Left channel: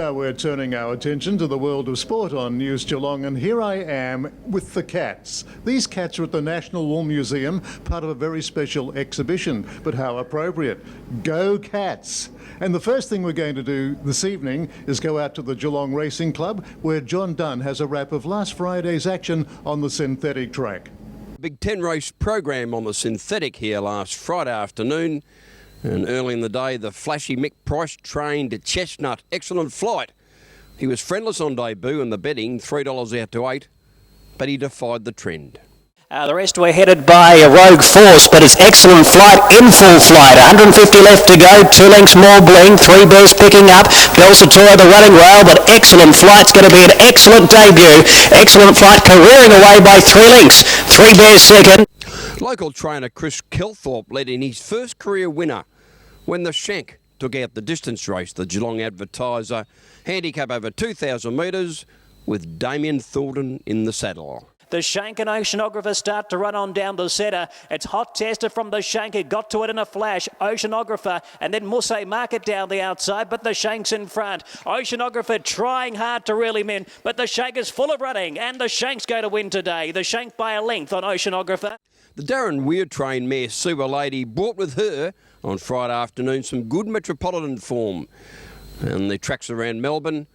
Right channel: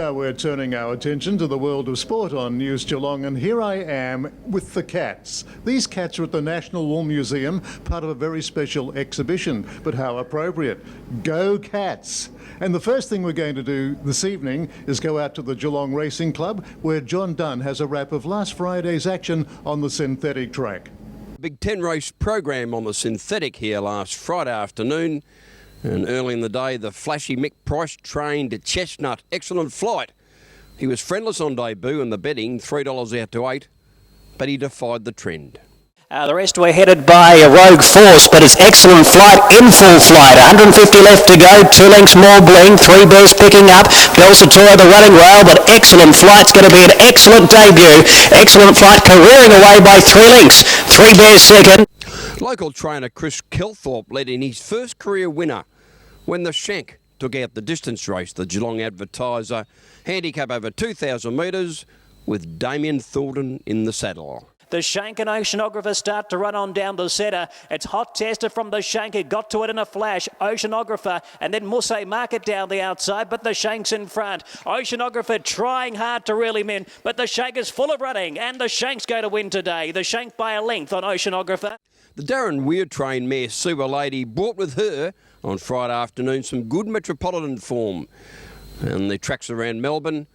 Now we're turning our attention to the world of sport on News Geelong, and here I am with the cats. These cats are at the National Wool Museum, part of a very special exhibition, but how appropriate. Go Cats! And the first thing we're going to do this evening is go out to the Geelong Racing Club, where John Dunn has a wrap of last Friday's action on the synthetic track. Big 10 race program on the synthetic here last Friday afternoon. And early in the day, the flashy Mick Price trained Chestnut. Excellent flight. He was friendless on debut in the betting, $3 out to 8, but he defied the trend. The rest were headed by a Rogue Force, but it's excellent flight, in full flight. 150 left to go, 2 lengths more bling, 3 Bears picking up. Belsatora the running rail, but excellent flight's going to be an excellent debut. Excellent flight, careering away by 3 lengths. 3 Bears second. Local trainer Chris Kelthorpe led in his first career winner when the Shank took out the distance race, the Geelong Advertiser, handicap over 2,000 metres with Damien Thornton in the saddle. The Shank and Oceanographer start to run on down the centre. It's Hot Tester from the Shank. It got to it in a flash. Oceanographer and then Musse Market down the outside, but the Shank's in front. Oceanographer trying hard to reel him in, but the Shank is full of running, and the Shank's going to win today. The Shank by a length on Oceanographer. The Darren Weir-trained mare Sewer Lady brought with her on Friday afternoon some good metropolitan form. And the tracks around Melbourne,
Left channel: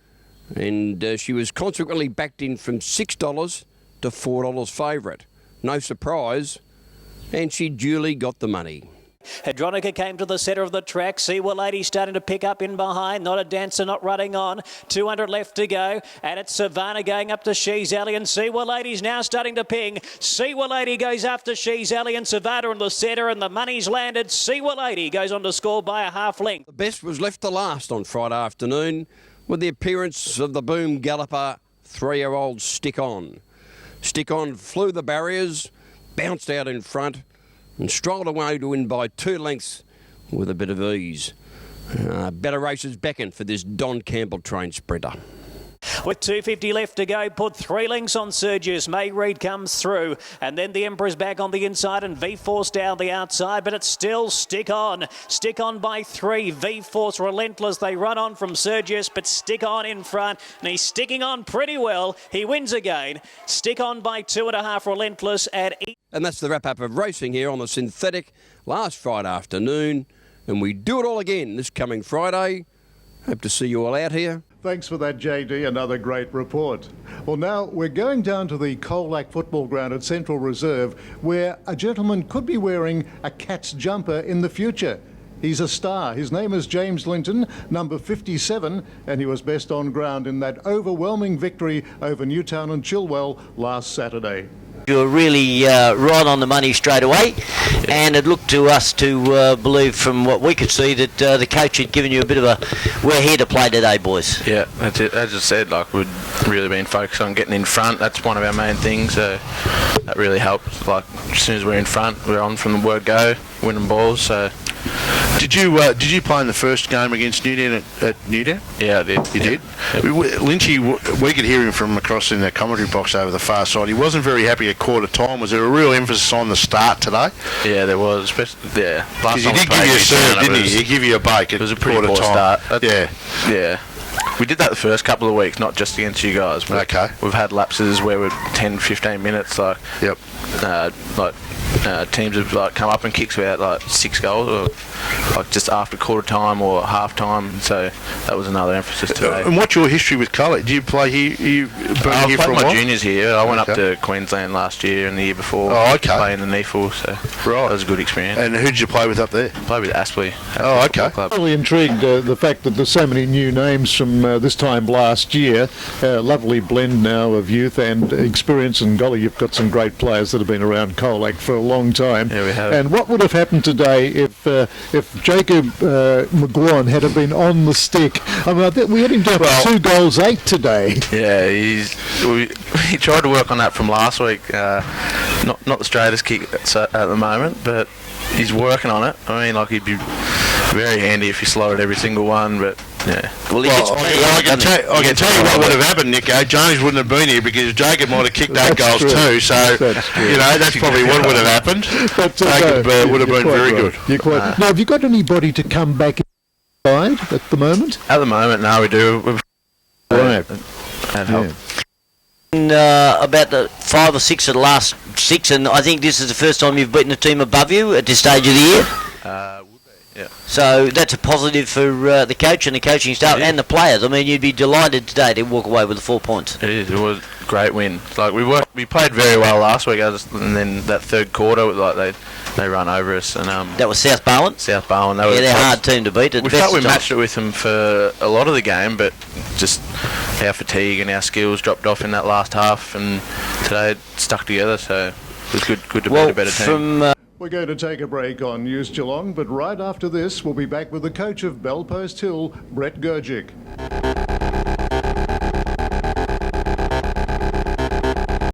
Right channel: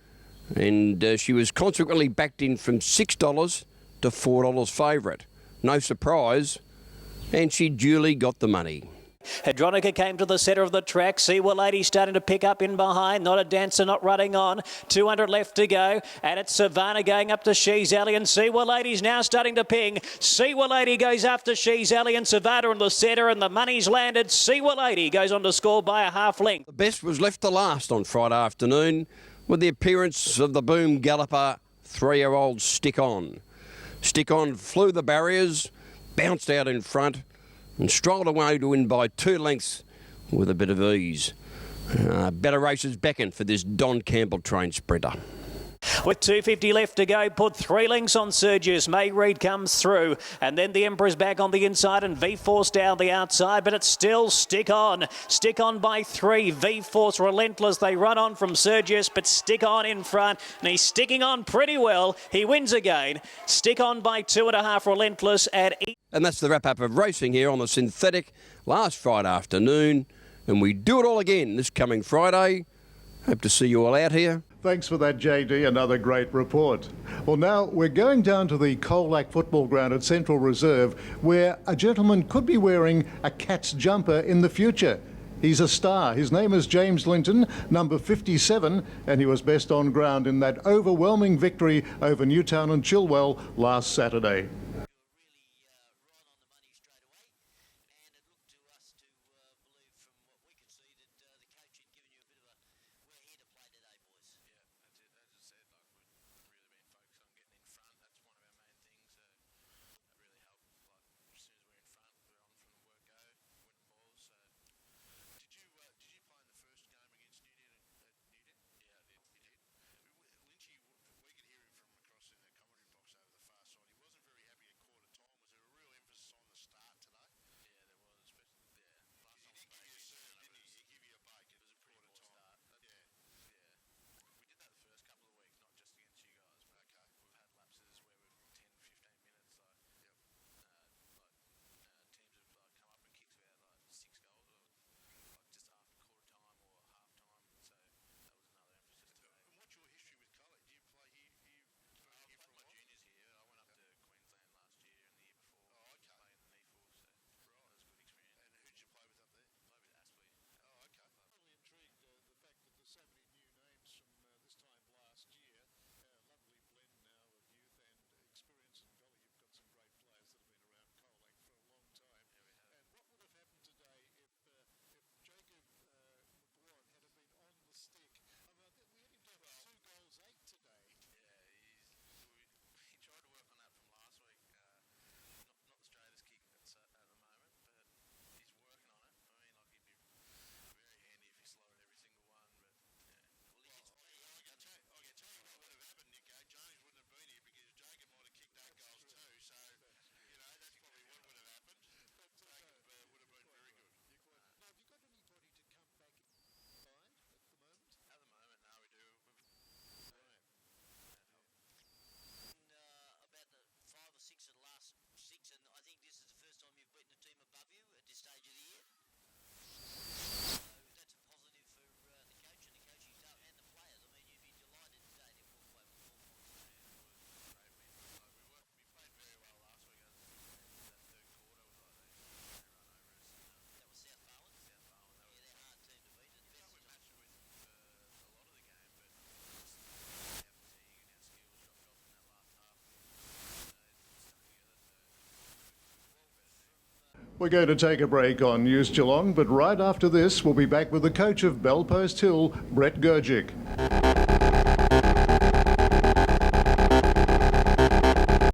and she was consequently backed in from $6 to $4 favourite. No surprise, and she duly got the money. Hadronica came to the centre of the track. Seawell Lady starting to pick up in behind. Not a Dancer, not running on. 200 left to go. And it's Savannah going up to She's Alley. And Seawell Lady's now starting to ping. Seawell Lady goes after She's Alley and Savannah in the centre. And the money's landed. Seawell Lady goes on to score by a half length. The best was left to last on Friday afternoon with the appearance of the boom galloper 3-year-old Stick On. Stick On flew the barriers, bounced out in front, and strolled away to win by 2 lengths with a bit of ease. Better races beckon for this Don Campbell trained sprinter. With 250 left to go, put 3 lengths on Sergius. May Reed comes through, and then the Emperor's back on the inside and V-Force down the outside, but it's still Stick On. Stick On by 3. V-Force relentless. They run on from Sergius, but Stick On in front, and he's sticking on pretty well. He wins again. Stick On by 2.5 relentless at E. And that's the wrap-up of racing here on the synthetic last Friday afternoon, and we do it all again this coming Friday. Hope to see you all out here. Thanks for that, JD. Another great report. Well, now we're going down to the Colac football ground at Central Reserve, where a gentleman could be wearing a Cats jumper in the future. He's a star. His name is James Linton, number 57, and he was best on ground in that overwhelming victory over Newtown and Chilwell last Saturday. You were really right on the money straight away, and it looked to us to believe from what we could see that the coach had given you a bit of a, we're here to play today, boys. Yeah, that's it. As I said, like, we'd really been focused on getting in front. That's one of our main things, so that really helped. Like, as soon as we're in front, we're on from the word go, winning balls. So. Did you play in the first game against Newtown at Newtown? Yeah, I did. You did? Lynchy, we could hear him from across in the commentary box over the far side. He wasn't very happy at quarter time. Was there a real emphasis on the start today? Yeah, there was. Especially, yeah. Because he did give you a serve, didn't he? He gave you a bake. It was a pretty poor start. Yeah. Yeah. We did that the first couple of weeks, not just against you guys. Okay. We've had lapses where we're 10, 15 minutes. Like, yep. Teams have like come up and kicked about like 6 goals, or like just after quarter time or half time. So that was another emphasis today. And what's your history with Colac? Do you play here? I played my juniors here. I went up to Queensland last year and the year before. Oh, okay. Playing the NEFL, so that was a good experience. And who did you play with up there? I played with Aspley. Oh, okay. I'm really intrigued the fact that there's so many new names from this time last year. Lovely blend now of youth and experience, and golly, you've got some great players that have been around Colac for a long time. Yeah, we have. And what would have happened today if Jacob McGuan had been on the stick? I mean, we had him down for 2 goals 8 today. Yeah, he tried to work on that from last week. Not the straightest kick at the moment, but he's working on it. I mean, like, he'd be very handy if he slotted every single one, but yeah. Well, I can tell you what would have happened, Nico. Jones wouldn't have been here because Jacob might have kicked 8 goals too. So, that's probably what would have happened. But, Jacob would have been very good. Now, have you got anybody to come back inside at the moment? At the moment, no, we do. That helped. About the 5 or 6 of the last 6, and I think this is the first time you've beaten a team above you at this stage of the year. Yeah. So that's a positive for the coach and the coaching staff and the players. I mean, you'd be delighted today to walk away with the 4 points. It is. It was a great win. Like we played very well last week, and then that third quarter, like they run over us, and that was South Barwon. South Barwon. They're a hard team to beat. We felt we matched it with them for a lot of the game, but just our fatigue and our skills dropped off in that last half, and today it stuck together. So it was good to beat a better team. We're going to take a break on News Geelong, but right after this, we'll be back with the coach of Bellpost Hill, Brett Gurgic.